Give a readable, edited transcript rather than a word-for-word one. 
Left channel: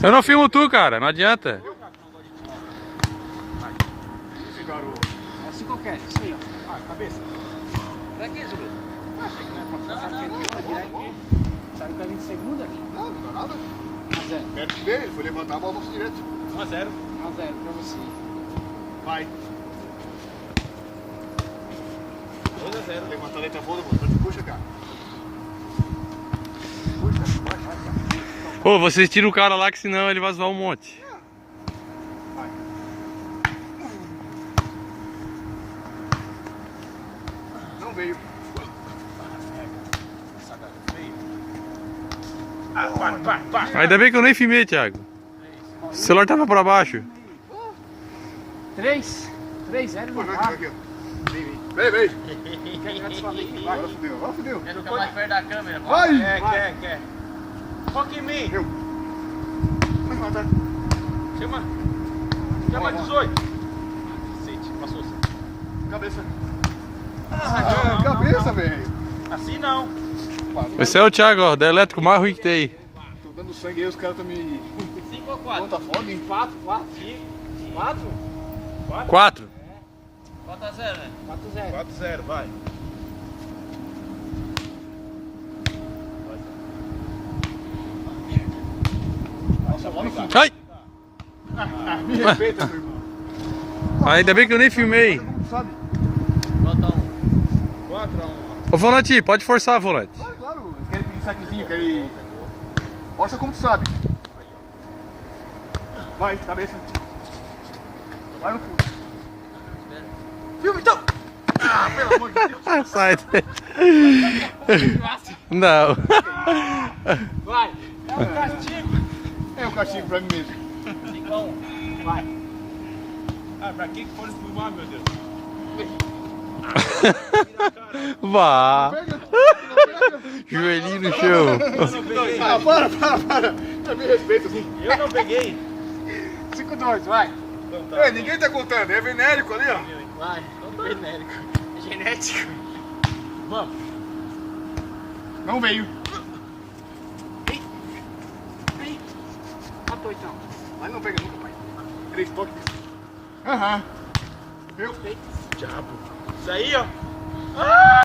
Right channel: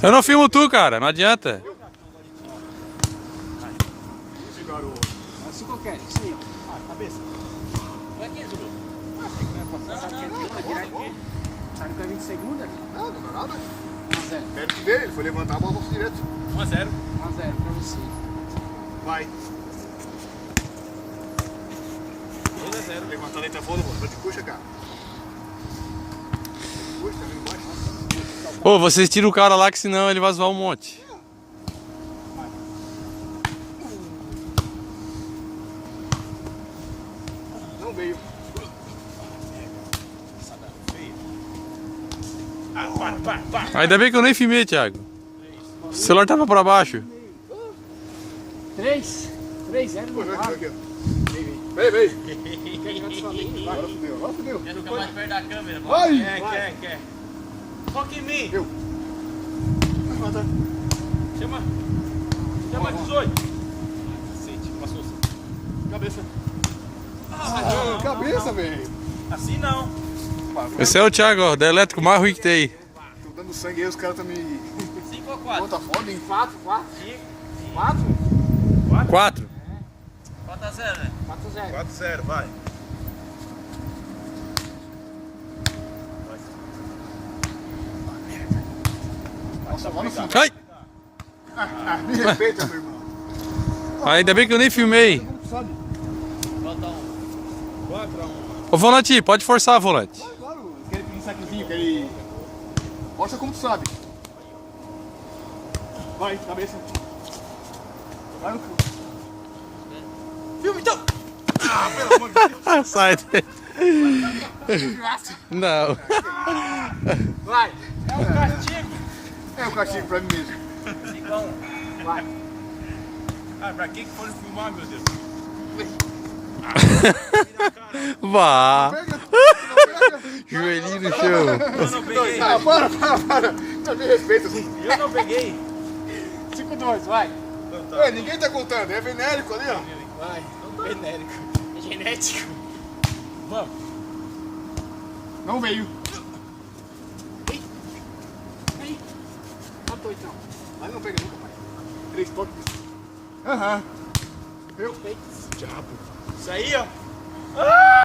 Eu não filmo tu, cara, não adianta. Esse garoto. Assim qualquer, isso aí, ó. Ah, cabeça. Pra que, Zulu? Sabe que é aqui? Sabe que a gente segunda aqui? Não, não dá nada. 1-0. Mérito dele, ele foi levantar a bola no direto. 1 a 0. 1-0 pra você. Vai. 2 a 0. Levantar a letra fora, mano. Tô de puxa, cara. Ô, vocês tiram o cara lá que senão ele vai zoar um monte. Vai. Não veio. Ainda bem que eu nem filmei, Thiago. O celular tava pra baixo. 3-0 no ar. Vem, vem. Vai. Fudeu, ó, fudeu. Quer ficar mais perto da câmera? Vai. Quer. Foca em mim. Eu. Vai levantar. Chama. Chama 18. Cacete, passou. Cabeça. Ah, cabeça, velho. Assim não. Esse é o Thiago, ó, da elétrico mais ruim que tem aí. Tô dando sangue aí, os caras tão me... 5 ou 4? Conta foda, hein? 4? 4. 4 a 0, né? 4-0. 4 a 0, vai. Nossa, bola sim. Ai! Me respeita, meu irmão. Ainda bem que eu nem filmei. Como tu sabe? Bota 1. 4 a 1. Ô, Volante, pode forçar, Volante. Claro, claro. Eles querem pedir saquezinho, querem... Mostra como tu sabe. Vai, cabeça. Vai no fundo. Filma então! Pelo amor de Deus. Sai daí. Não. Vai. É um castigo pra mim mesmo. 5 a 1. Vai. Ah, pra que foram filmar, meu Deus? Vá. Pega, não pega. Joelhinho no chão. Eu não peguei. Ah, para. Não me respeita. Eu não peguei. 5-2, vai. É, ninguém tá contando. É venérico ali, ó. Vai. Genérico. Genético. Vamos. Não veio. Aí. Matou então. Mas não pega nunca, pai. 3 toques. Aham. Viu? Diabo. Isso aí, ó.